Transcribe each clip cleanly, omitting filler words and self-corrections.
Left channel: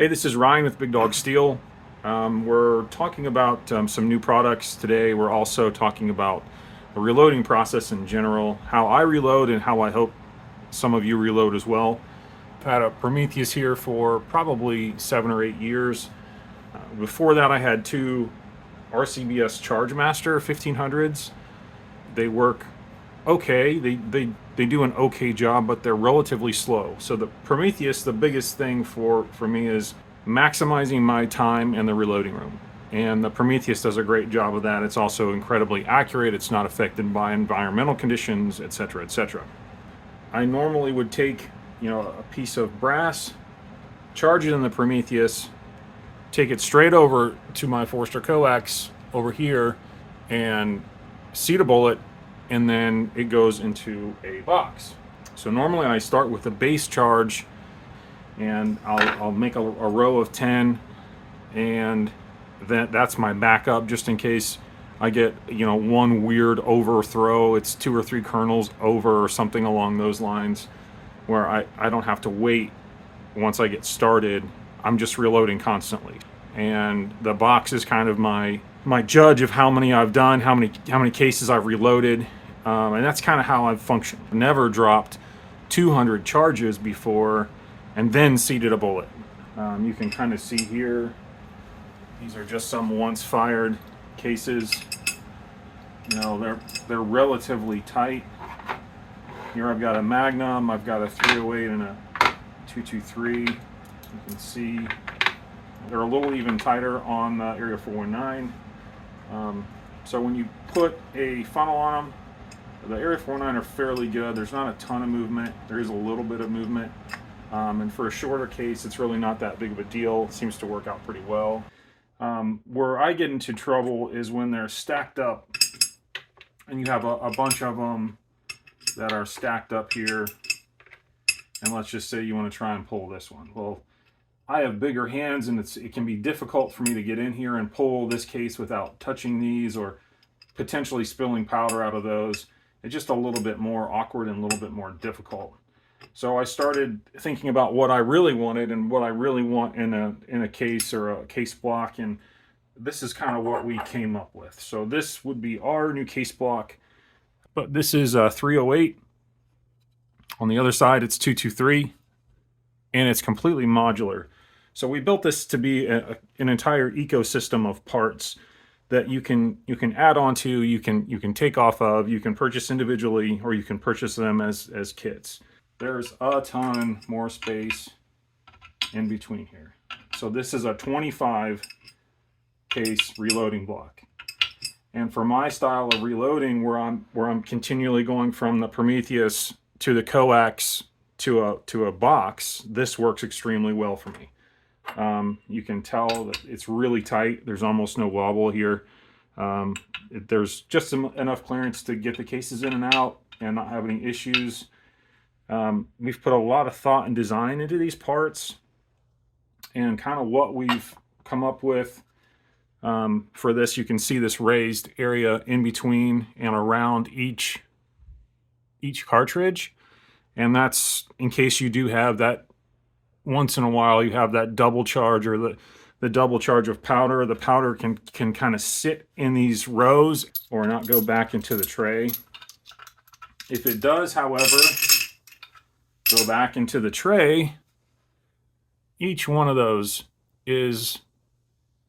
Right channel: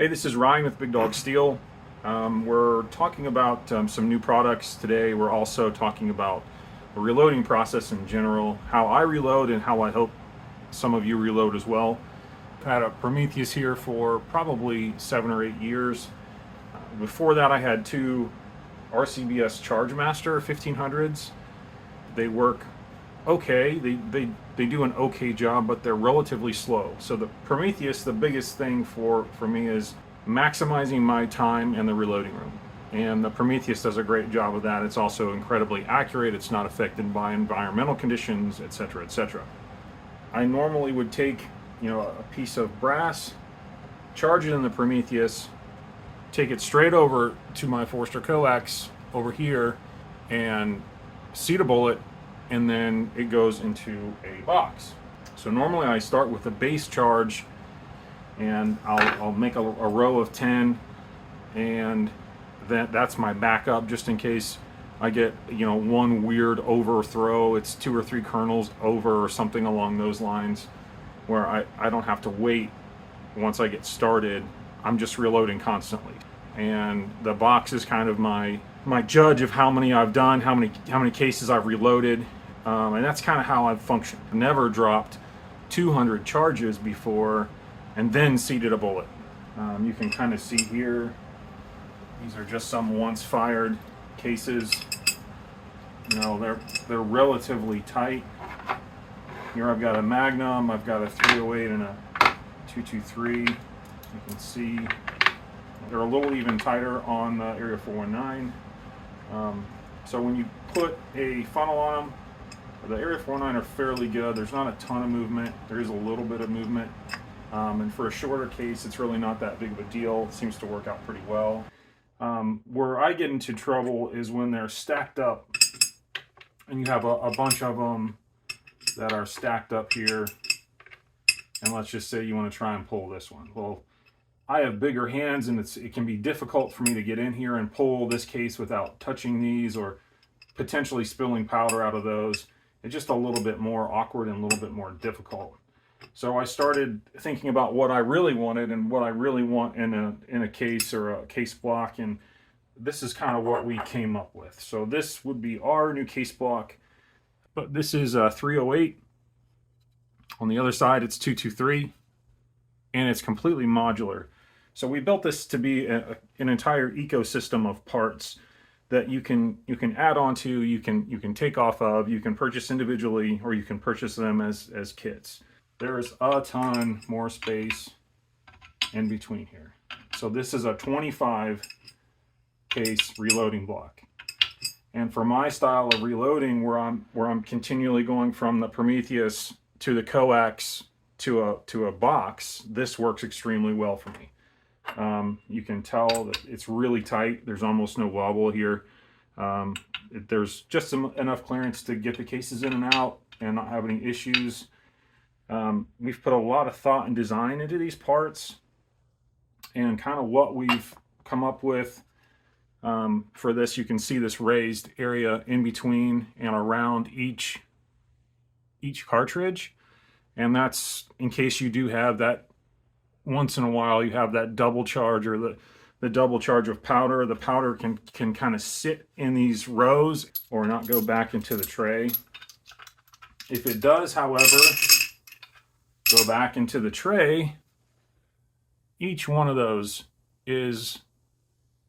Hey, this is Ryan with Big Dog Steel. We're talking about some new products today. We're also talking about the reloading process in general, how I reload and how I hope some of you reload as well. I've had a Prometheus here for probably 7 or 8 years. Before that, I had two RCBS Chargemaster 1500s. They work okay. They do an okay job, but they're relatively slow. So the Prometheus, the biggest thing for me is maximizing my time in the reloading room. And the Prometheus does a great job of that. It's also incredibly accurate. It's not affected by environmental conditions, etc., etc. I normally would take, a piece of brass, charge it in the Prometheus, take it straight over to my Forster coax over here, and seat a bullet, and then it goes into a box. So normally I start with a base charge, and I'll make a row of 10, and that's my backup just in case I get one weird overthrow. It's 2 or 3 kernels over or something along those lines, where I don't have to wait. Once I get started, I'm just reloading constantly, and the box is kind of my judge of how many I've done, how many cases I've reloaded, and that's kind of how I've functioned. I've never dropped 200 charges before and then seated a bullet. You can kind of see here, these are just some once fired cases. They're relatively tight. Here I've got a Magnum, I've got a 308 and a 223. You can see they're a little even tighter on the Area 419. So when you put a funnel on them, the Area 419 are fairly good. There's not a ton of movement. There is a little bit of movement. And for a shorter case, it's really not that big of a deal. It seems to work out pretty well. Where I get into trouble is when they're stacked up, and you have a bunch of them that are stacked up here. And let's just say you want to try and pull this one. Well, I have bigger hands, and it can be difficult for me to get in here and pull this case without touching these or potentially spilling powder out of those. It's just a little bit more awkward and a little bit more difficult. So I started thinking about what I really wanted and what I really want in a case or a case block, and this is kind of what we came up with. So this would be our new case block, but this is a 308. On the other side, it's 223, and it's completely modular. So we built this to be an entire ecosystem of parts that you can add on to, you can take off of, you can purchase individually, or you can purchase them as kits. There's a ton more space in between here. So this is a 25 case reloading block. And for my style of reloading, where I'm continually going from the Prometheus to the coax to a box, this works extremely well for me. You can tell that it's really tight. There's almost no wobble here. There's just enough clearance to get the cases in and out and not have any issues. We've put a lot of thought and design into these parts, and kind of what we've come up with for this. You can see this raised area in between and around each cartridge, and that's in case you do have that. Once in a while you have that double charge, or the double charge of powder. The powder can kind of sit in these rows or not go back into the tray. If it does, however, go back into the tray, each one of those is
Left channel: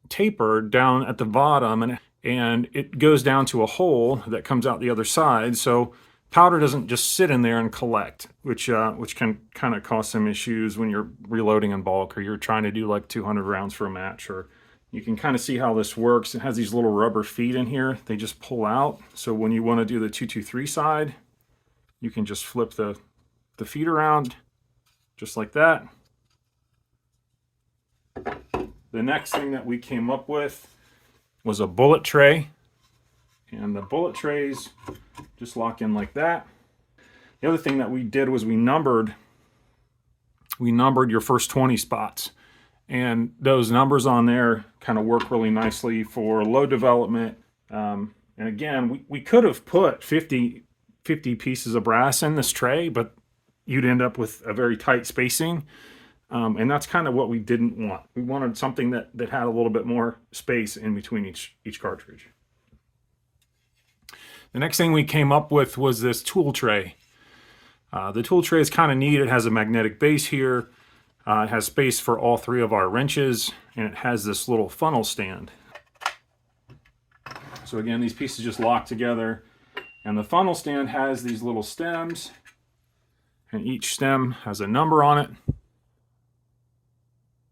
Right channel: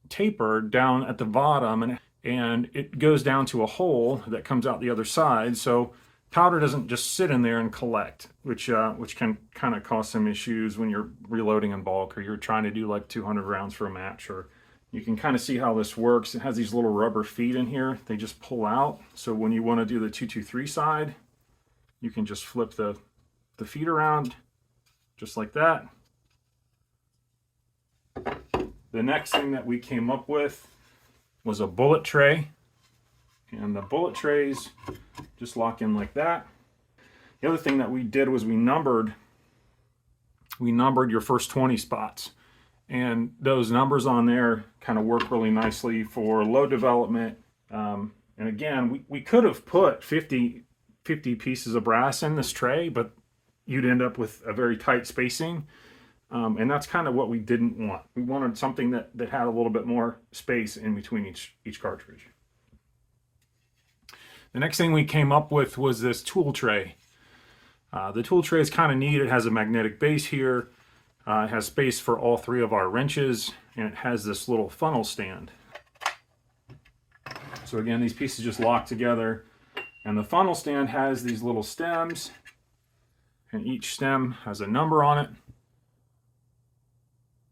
tapered down at the bottom, and it goes down to a hole that comes out the other side. So powder doesn't just sit in there and collect, which can kind of cause some issues when you're reloading in bulk, or you're trying to do like 200 rounds for a match. Or you can kind of see how this works. It has these little rubber feet in here. They just pull out. So when you want to do the 223 side, you can just flip the feet around just like that. The next thing that we came up with was a bullet tray. And the bullet trays just lock in like that. The other thing that we did was we numbered your first 20 spots. And those numbers on there kind of work really nicely for load development. And again, we could have put 50 pieces of brass in this tray, but you'd end up with a very tight spacing. And that's kind of what we didn't want. We wanted something that had a little bit more space in between each cartridge. The next thing we came up with was this tool tray. The tool tray is kind of neat. It has a magnetic base here. It has space for all 3 of our wrenches, and it has this little funnel stand. So again, these pieces just lock together, and the funnel stand has these little stems, and each stem has a number on it,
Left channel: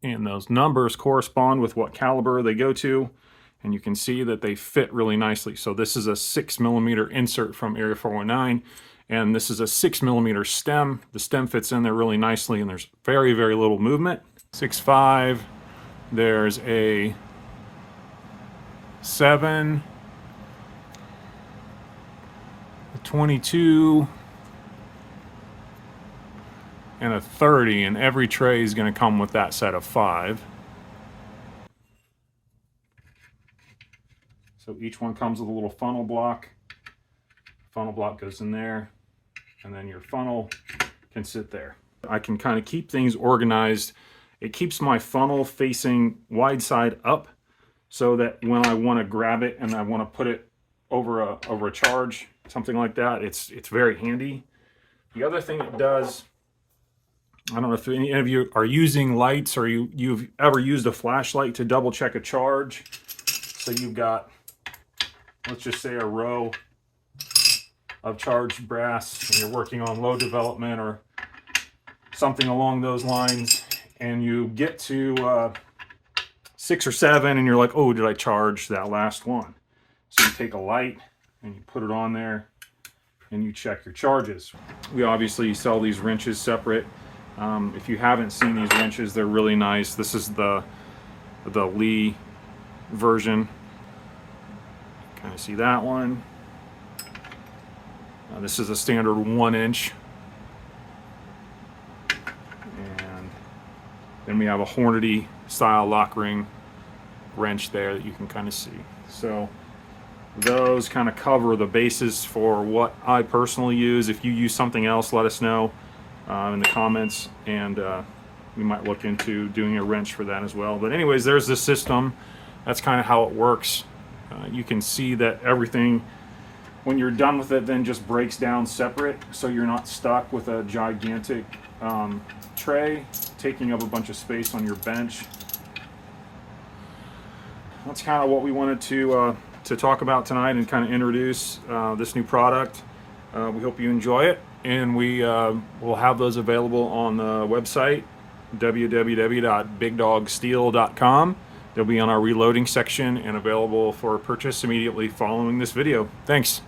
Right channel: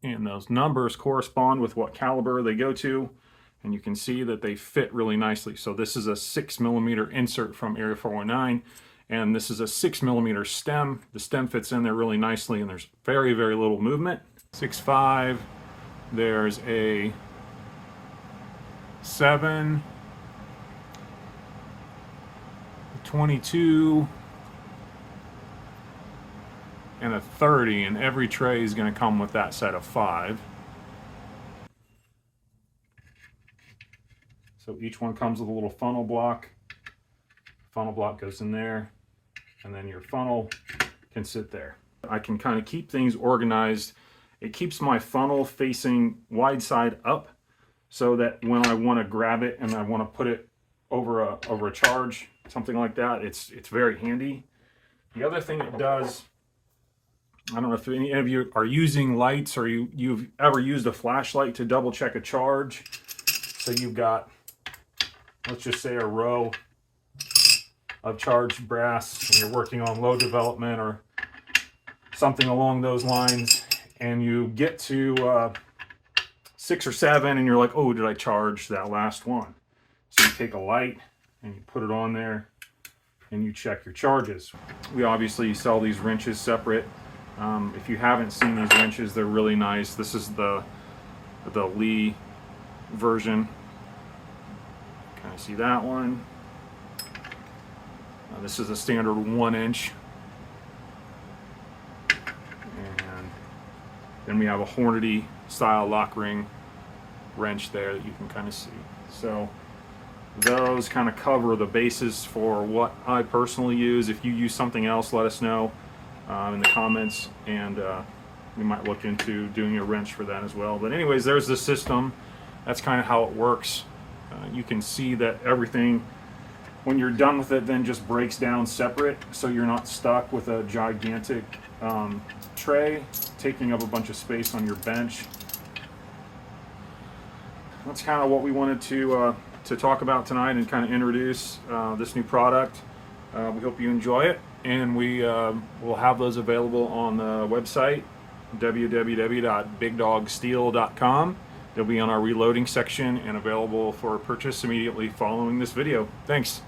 and those numbers correspond with what caliber they go to, and you can see that they fit really nicely. So this is a 6mm insert from Area 419, and this is a 6mm stem. The stem fits in there really nicely, and there's very, very little movement. 6.5, there's a 7, 22, and a 30, and every tray is going to come with that set of 5. So each one comes with a little funnel block. Funnel block goes in there, and then your funnel can sit there. I can kind of keep things organized. It keeps my funnel facing wide side up, so that when I want to grab it and I want to put it over a charge, something like that, it's very handy. The other thing it does, I don't know if any of you are using lights, or you've ever used a flashlight to double check a charge. So you've got, let's just say, a row of charged brass, and you're working on load development or something along those lines, and you get to 6 or 7, and you're like, oh, did I charge that last one? So you take a light and you put it on there and you check your charges. We obviously sell these wrenches separate. If you haven't seen these wrenches, they're really nice. This is the Lee version. Kind of see that one. This is a standard 1-inch. And then we have a Hornady style lock ring wrench there that you can kind of see. So those kind of cover the basis for what I personally use. If you use something else, let us know in the comments, and we might look into doing a wrench for that as well. But anyways, there's the system. That's kind of how it works. You can see that everything, when you're done with it, then just breaks down separate, so you're not stuck with a gigantic tray taking up a bunch of space on your bench. That's kind of what we wanted to talk about tonight, and kind of introduce this new product. We hope you enjoy it, and we will have those available on the website, www.bigdogsteel.com. They'll be on our reloading section and available for purchase immediately following this video. Thanks.